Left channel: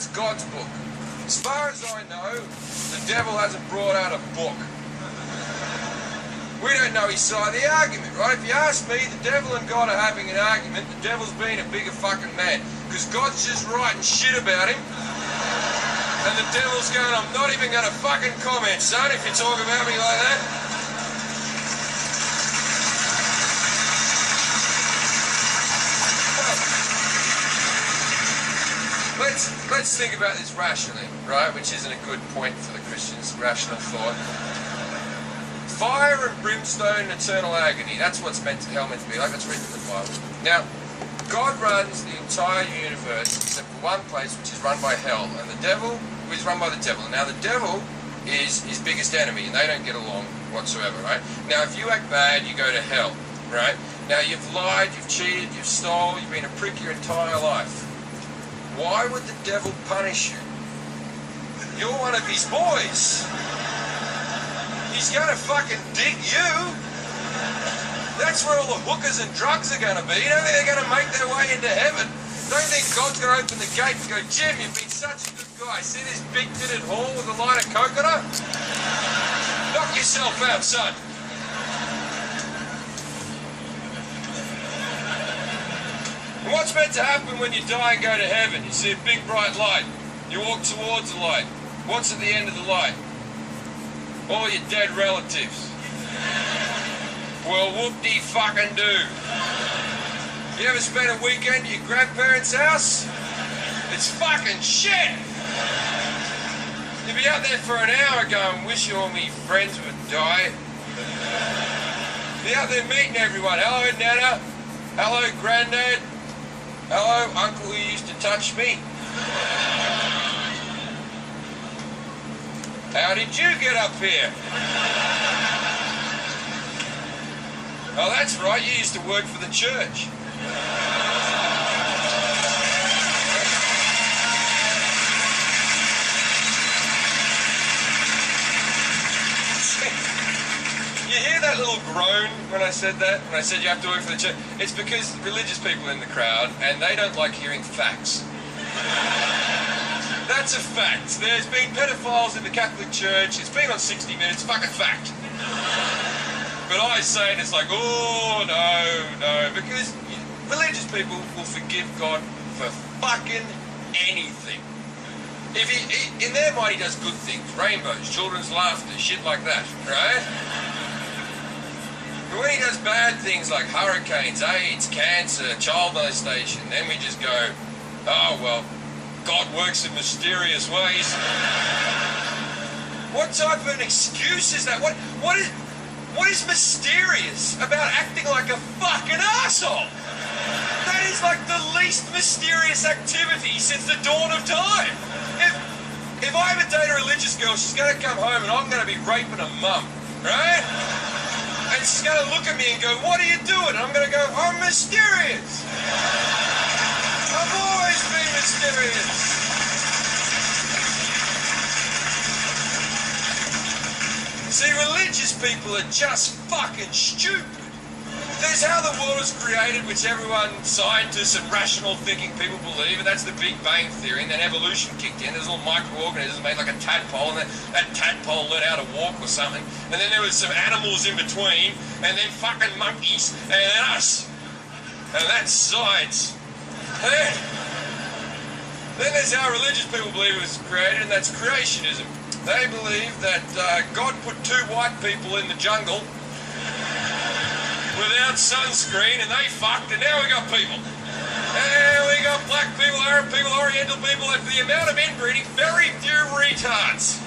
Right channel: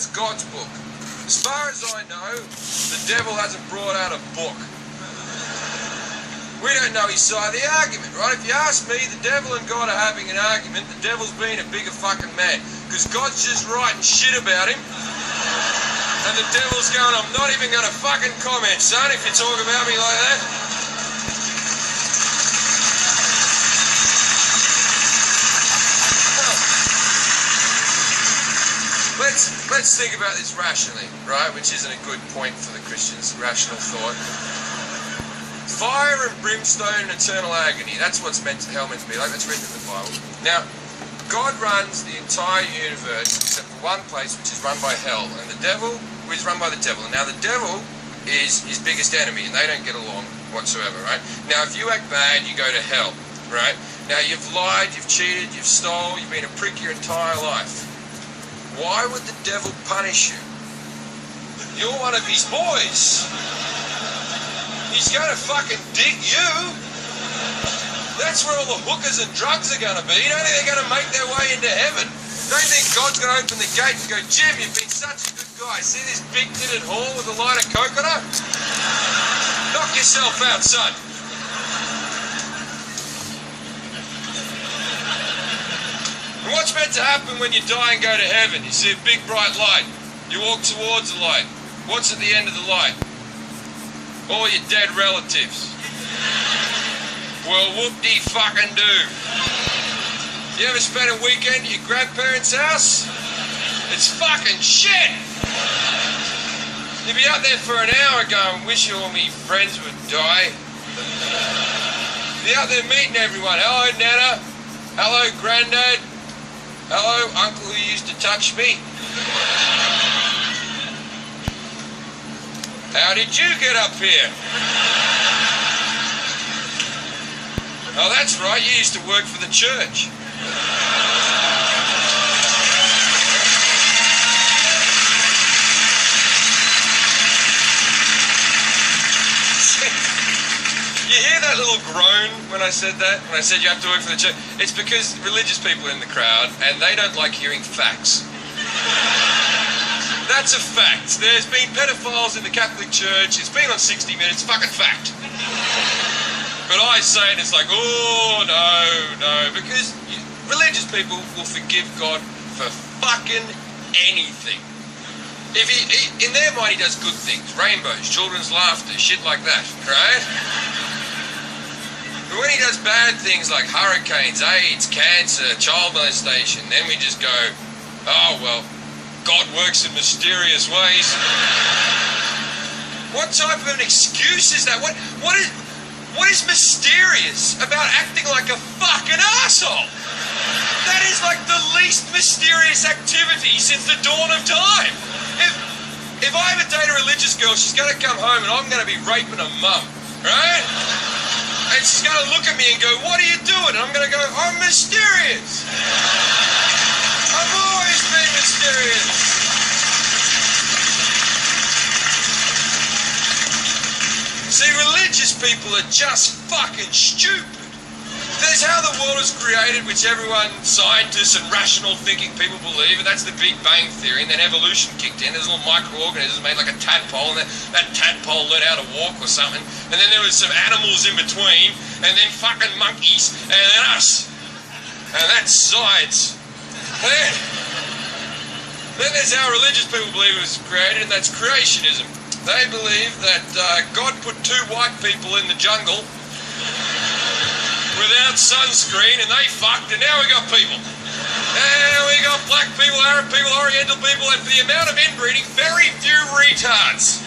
That's God's book. As far as I know, the devil hasn't brought out a book. We don't know his side of the argument, right? If you ask me, the devil and God are having an argument, the devil's being a bigger fucking man. Because God's just writing shit about him. And the devil's going, I'm not even going to fucking comment, son, if you talk about me like that. Let's think about this rationally, right? Which isn't a good point for the Christians, rational thought. Fire and brimstone and eternal agony. That's what's hell meant to be like. That's written in the Bible. Now, God runs the entire universe except for one place, which is run by hell. And the devil is run by the devil. Now, the devil is his biggest enemy, and they don't get along whatsoever, right? Now, if you act bad, you go to hell, right? Now, you've lied, you've cheated, you've stole, you've been a prick your entire life. Why would the devil punish you? You're one of his boys. He's going to fucking dig you. That's where all the hookers and drugs are going to be. You don't think they're going to make their way into heaven? Don't think God's going to open the gate and go, Jim, you've been such a good guy. See this big tinted hall with a light of coconut? Knock yourself out, son. And what's meant to happen when you die and go to heaven? You see a big bright light. You walk towards the light. What's at the end of the light? All your dead relatives. Well, whoop-de-fucking-do. You ever spent a weekend at your grandparents' house? It's fucking shit! You'd be out there for an hour going, wish all me friends would die. You'd be out there meeting everyone. Hello, Nana. Hello, Grandad. Hello, Uncle who used to touch me. How did you get up here? Oh, that's right, you used to work for the church. You hear that little groan when I said that? When I said you have to work for the church? It's because religious people are in the crowd and they don't like hearing facts. That's a fact. There's been pedophiles in the Catholic Church. It's been on 60 Minutes. Fucking fact. But I say it, it's like, oh, no. Because religious people will forgive God for fucking anything. If in their mind, he does good things. Rainbows, children's laughter, shit like that, right? But when he does bad things like hurricanes, AIDS, cancer, child molestation, then we just go, oh, well, God works in mysterious ways. What type of an excuse is that? What is mysterious about acting like a fucking arsehole? That is like the least mysterious activity since the dawn of time. If I ever date a religious girl, she's going to come home and I'm going to be raping her mum, right? And she's going to look at me and go, what are you doing? And I'm going to go, I'm mysterious. I've always been mysterious. See, religious people are just fucking stupid. There's how the world was created, which everyone, scientists and rational thinking people believe, and that's the Big Bang Theory, and then evolution kicked in. There's little microorganisms made like a tadpole, and that tadpole learned how to walk or something. And then there was some animals in between, and then fucking monkeys, and then us. And that's science. Then there's how religious people believe it was created, and that's creationism. They believe that God put two white people in the jungle without sunscreen, and they fucked, and now we got people. And we got black people, Arab people, Oriental people, and for the amount of inbreeding, very few retards.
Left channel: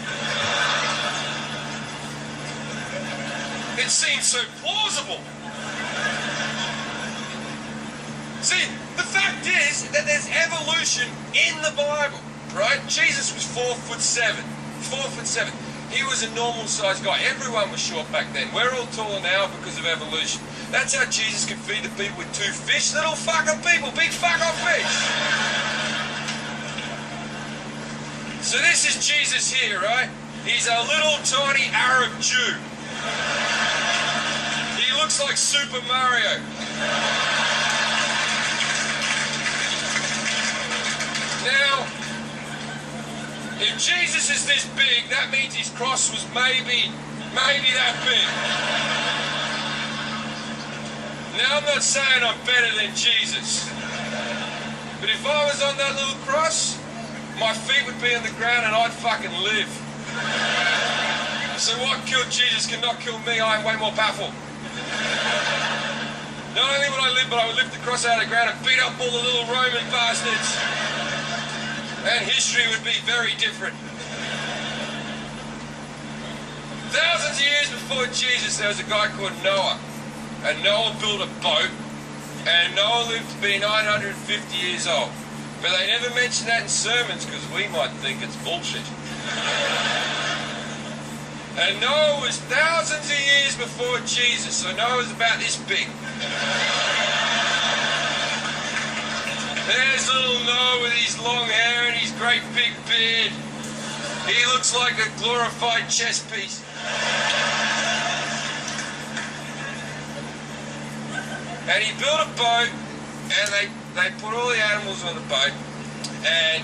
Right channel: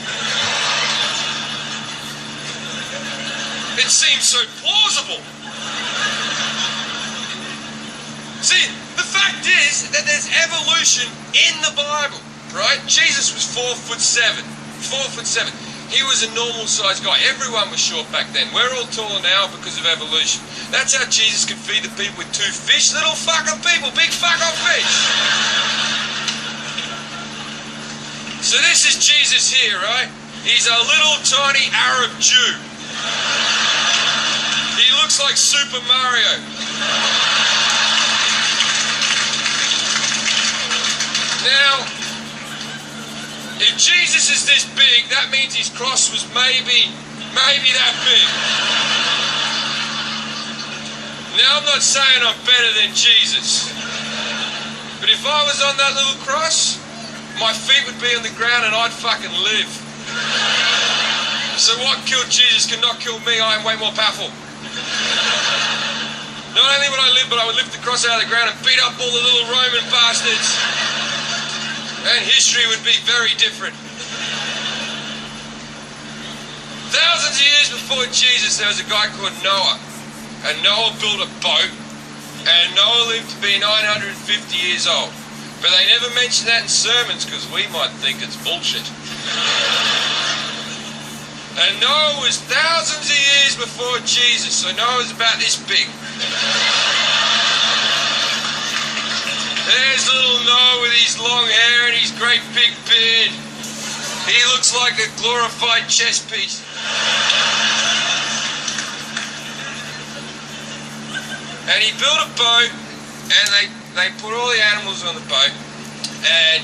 It seems so plausible. See, the fact is that there's evolution in the Bible, right? Jesus was 4'7". 4'7". He was a normal sized guy. Everyone was short back then. We're all taller now because of evolution. That's how Jesus could feed the people with 2 fish. Little fucking people, big fuck off fish. So this is Jesus here, right? He's a little tiny Arab Jew. He looks like Super Mario. Now, If Jesus is this big, that means his cross was maybe that big. Now, I'm not saying I'm better than Jesus, but if I was on that little cross, my feet would be on the ground and I'd fucking live. So what killed Jesus cannot kill me. I am way more powerful. Not only would I live, but I would lift the cross out of the ground and beat up all the little Roman bastards. And history would be very different. Thousands of years before Jesus, there was a guy called Noah. And Noah built a boat. And Noah lived to be 950 years old. But they never mention that in sermons because we might think it's bullshit. And Noah was thousands of years before Jesus, so Noah was about this big. There's little Noah with his long hair and his great big beard. He looks like a glorified chess piece. And he built a boat, and they put all the animals on the boat, and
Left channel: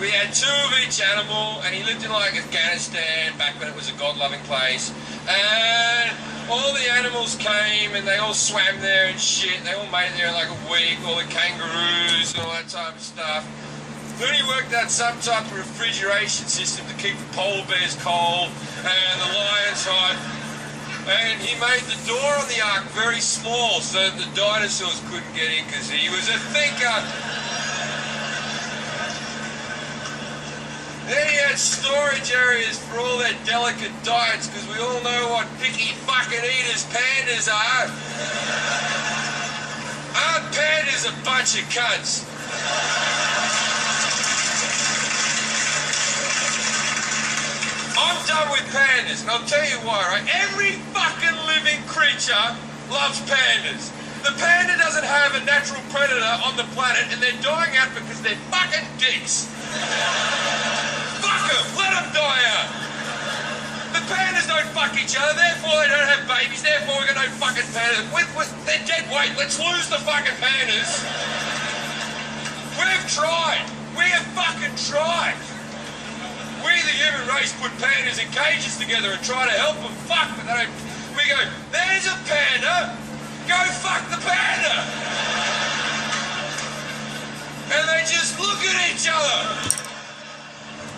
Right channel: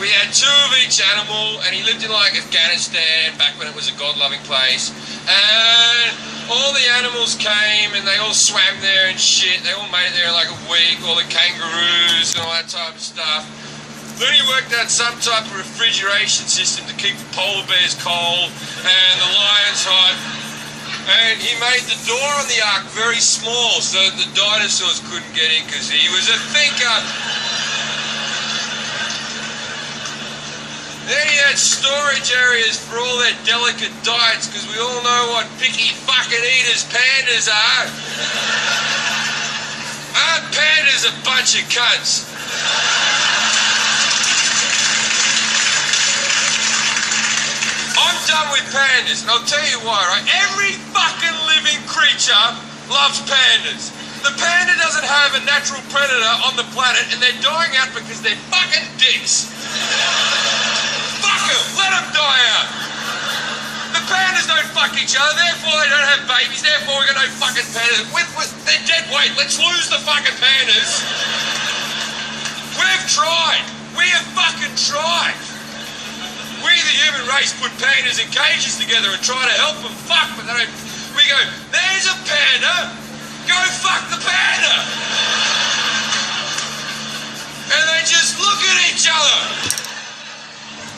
we had 2 of each animal, and he lived in like Afghanistan back when it was a God-loving place. And all the animals came and they all swam there and shit. They all made it there in like a week, all the kangaroos and all that type of stuff. Then he worked out some type of refrigeration system to keep the polar bears cold and the lions hot. And he made the door on the ark very small so that the dinosaurs couldn't get in because he was a thinker. Then he had storage areas for all their delicate diets, because we all know what picky fucking eaters pandas are. Aren't pandas a bunch of cunts? I'm done with pandas, and I'll tell you why, right? Every fucking living creature loves pandas. The panda doesn't have a natural predator on the planet, and they're dying out because they're fucking dicks. Let them die out. The pandas don't fuck each other, therefore they don't have babies, therefore we've got no fucking pandas. They're dead weight, let's lose the fucking pandas. We've tried. We have fucking tried. We, the human race, put pandas in cages together and try to help them fuck, but they don't. We go, there's a panda, go fuck the panda. And they just look at each other.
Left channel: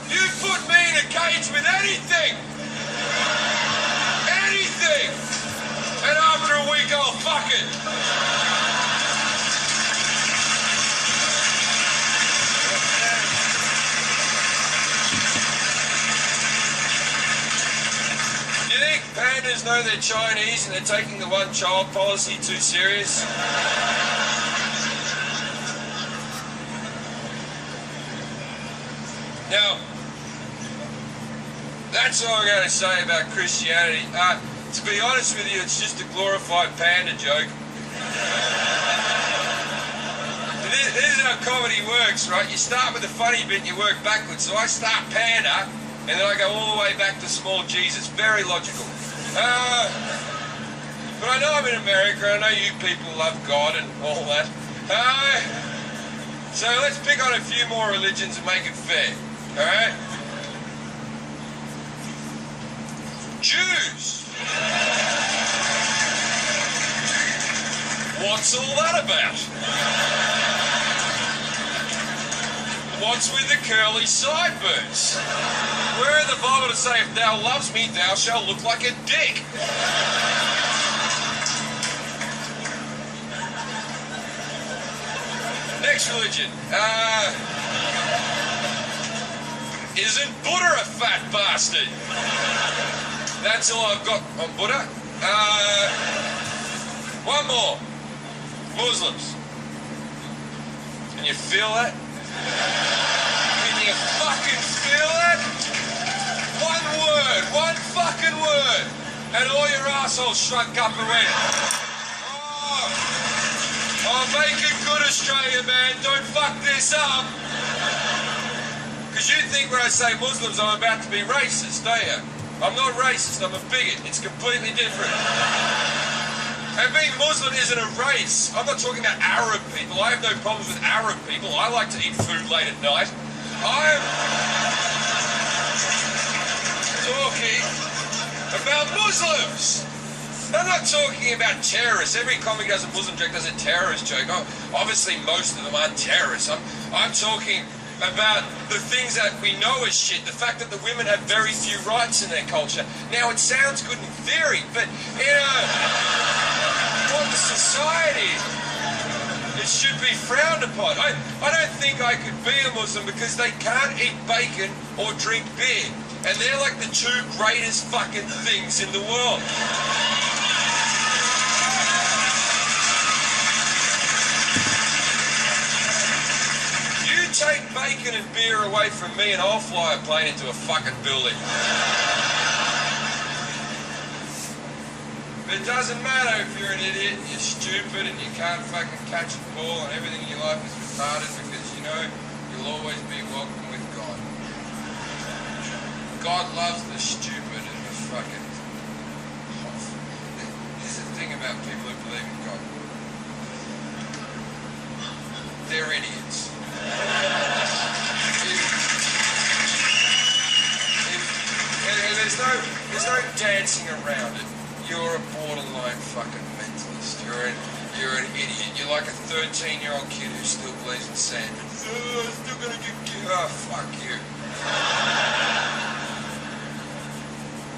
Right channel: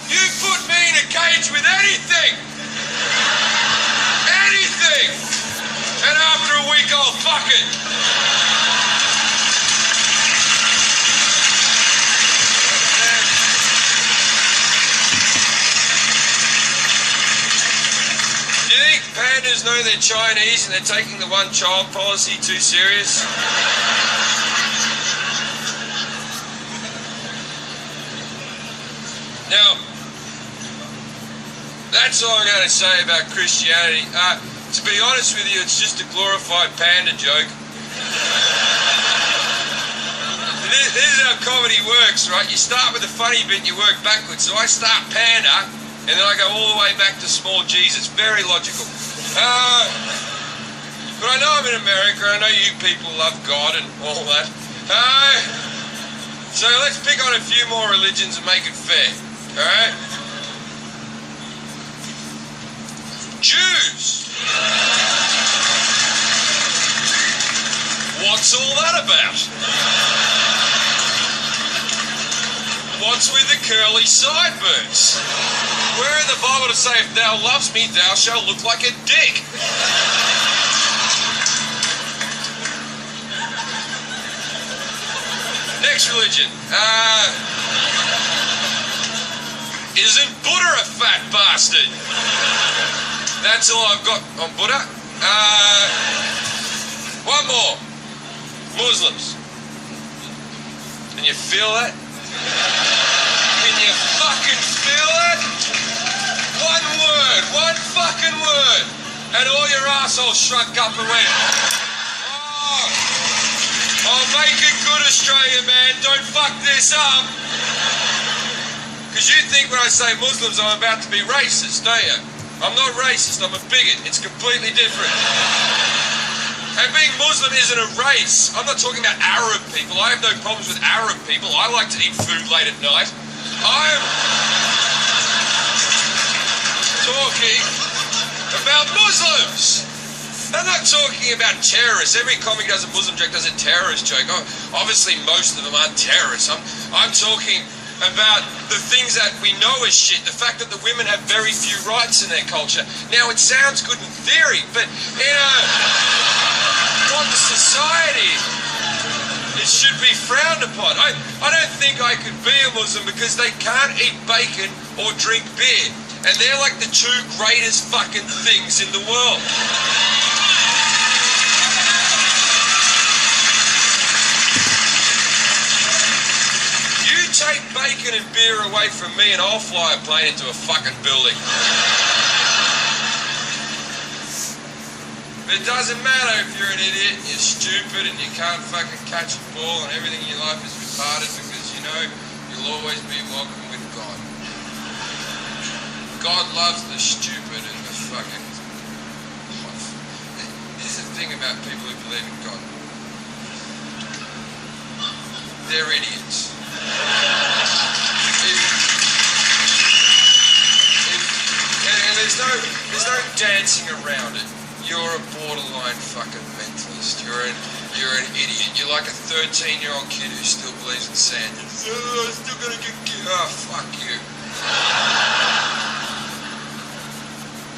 You put me in a cage with anything, and after a week I'll fuck it. Do you think pandas know they're Chinese and they're taking the one-child policy too serious? Now, that's all I'm going to say about Christianity. To be honest with you, it's just a glorified panda joke. This is how comedy works, right? You start with the funny bit, you work backwards. So I start panda, and then I go all the way back to small Jesus. Very logical. But I know I'm in America. I know you people love God and all that. So let's pick on a few more religions and make it fair. All right? Jews. What's all that about? What's with the curly sideburns? Where in the Bible to say, if thou loves me, thou shalt look like a dick? Next religion. Isn't Buddha a fat bastard? That's all I've got on Buddha. One more. Muslims. Can you feel that? Can you fucking feel that? One word, one fucking word, and all your assholes shrunk up and went, oh, make it good, Australia, man, don't fuck this up. Because you think when I say Muslims, I'm about to be racist, don't you? I'm not racist, I'm a bigot. It's completely different. And being Muslim isn't a race. I'm not talking about Arab people. I have no problems with Arab people. I like to eat food late at night. talking about Muslims. I'm not talking about terrorists. Every comic does a Muslim joke, does a terrorist joke. Oh, obviously, most of them aren't terrorists. I'm talking about the things that we know as shit. The fact that the women have very few rights in their culture. Now, it sounds good in theory, but in a modern society, it should be frowned upon. I don't think I could be a Muslim because they can't eat bacon or drink beer. And they're like the two greatest fucking things in the world. You take bacon and beer away from me and I'll fly a plane into a fucking building. It doesn't matter if you're an idiot and you're stupid and you can't fucking catch a ball and everything in your life is retarded because you know you'll always be welcome with God. God loves the stupid and the fucking... This is the thing about people who believe in God. They're idiots. And there's no dancing around it. You're a borderline fucking mentalist. You're an idiot. You're like a 13-year-old kid who still believes in Santa. Oh, I'm still gonna get killed. Oh, fuck you.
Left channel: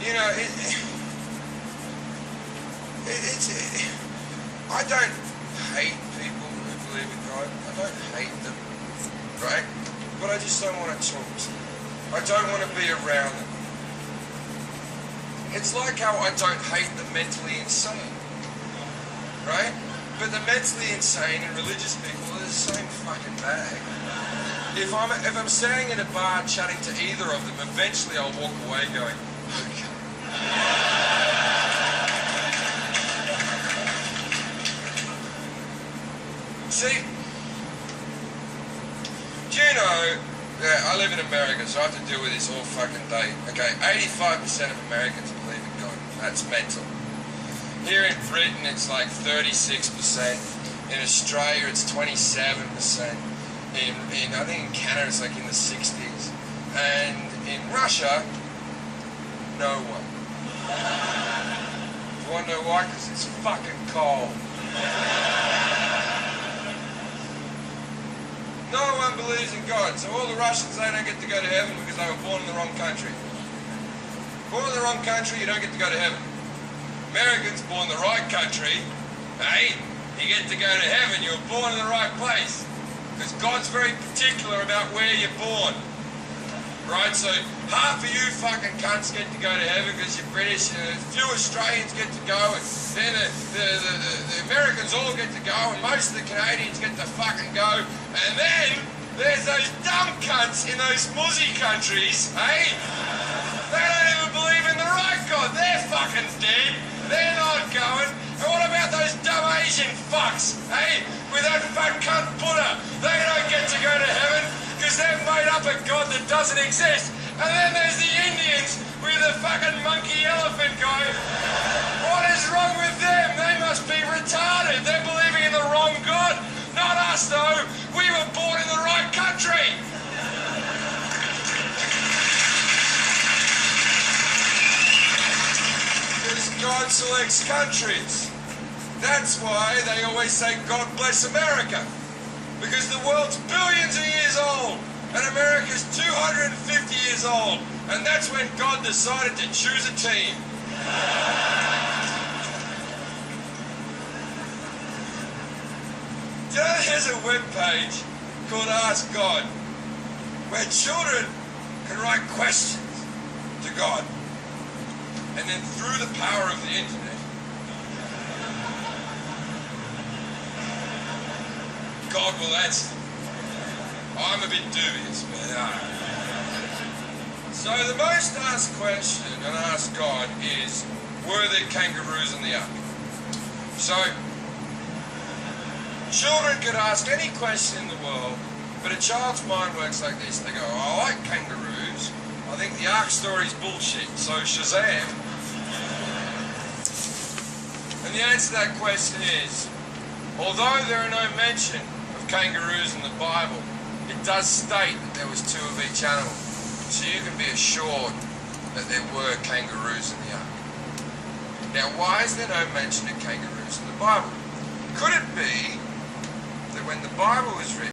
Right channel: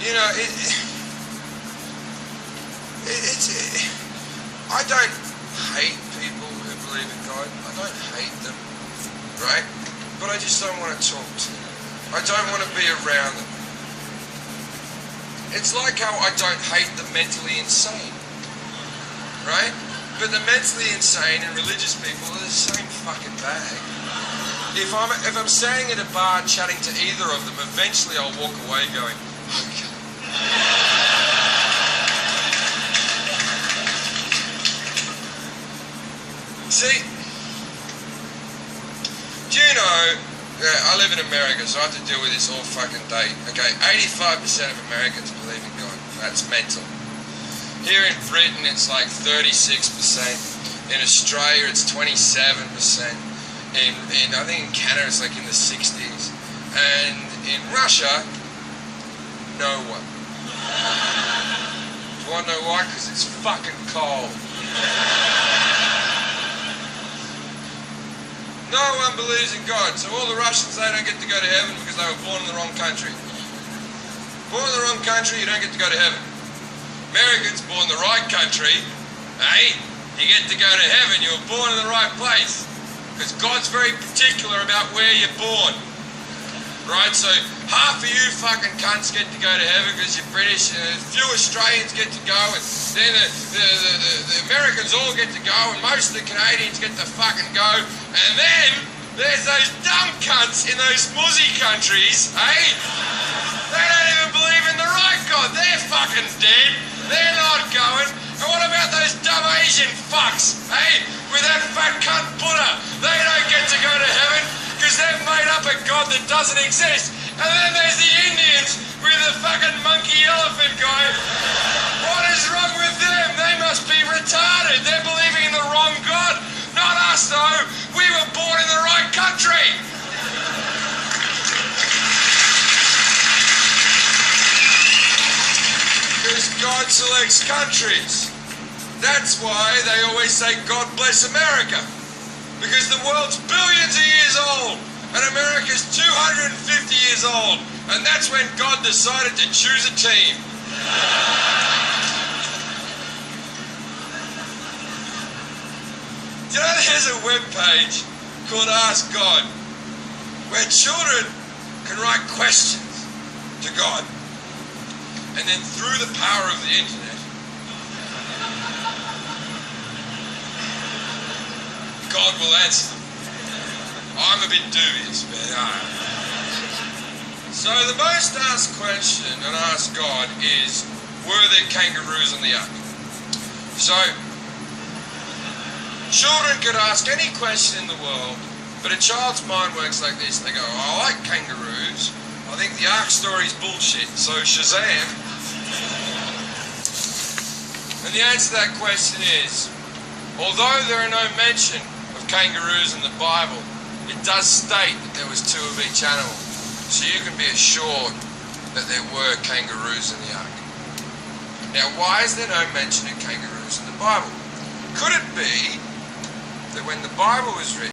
You know, I don't hate people who believe in God. I don't hate them, right? But I just don't want to talk to them. I don't want to be around them. It's like how I don't hate the mentally insane, right? But the mentally insane and religious people are the same fucking bag. If I'm standing in a bar chatting to either of them, eventually I'll walk away going, okay. See, do you know, I live in America, so I have to deal with this all fucking day. Okay, 85% of Americans believe in God. That's mental. Here in Britain, it's like 36%. In Australia, it's 27%. In I think in Canada, it's like in the 60s. And in Russia, no one. Do you want to know why? Because it's fucking cold. No one believes in God, so all the Russians, they don't get to go to heaven because they were born in the wrong country. Born in the wrong country, you don't get to go to heaven. Americans, born in the right country, hey, you get to go to heaven, you were born in the right place. Because God's very particular about where you're born. Right, so half of you fucking cunts get to go to heaven because you're British, and a few Australians get to go, and then the Americans all get to go, and most of the Canadians get to fucking go, and then there's those dumb cunts in those muzzy countries, eh? They don't even believe in the right God, they're fucking dead, they're not going. And what about those dumb Asian fucks, eh? With that fat cunt Buddha, they don't get to go to heaven because they've made up a God that doesn't exist. And then there's the Indians with the fucking monkey elephant guy. What is wrong with them? They must be retarded. They're believing in the wrong God. Not us, though. We were born in the right country. Because God selects countries. That's why they always say, God bless America. Because the world's billions of years old, and America's 250 years old, and that's when God decided to choose a team. Do you know there's a webpage called Ask God, where children can write questions to God, and then through the power of the internet, God will answer them. I'm a bit dubious, but So the most asked question and asked God is, were there kangaroos on the ark? So, children could ask any question in the world, but a child's mind works like this. They go, oh, I like kangaroos. I think the ark story's bullshit. So Shazam. And the answer to that question is, although there are no mention kangaroos in the Bible, it does state that there was two of each animal. So you can be assured that there were kangaroos in the ark. Now, why is there no mention of kangaroos in the Bible? Could it be that when the Bible was written,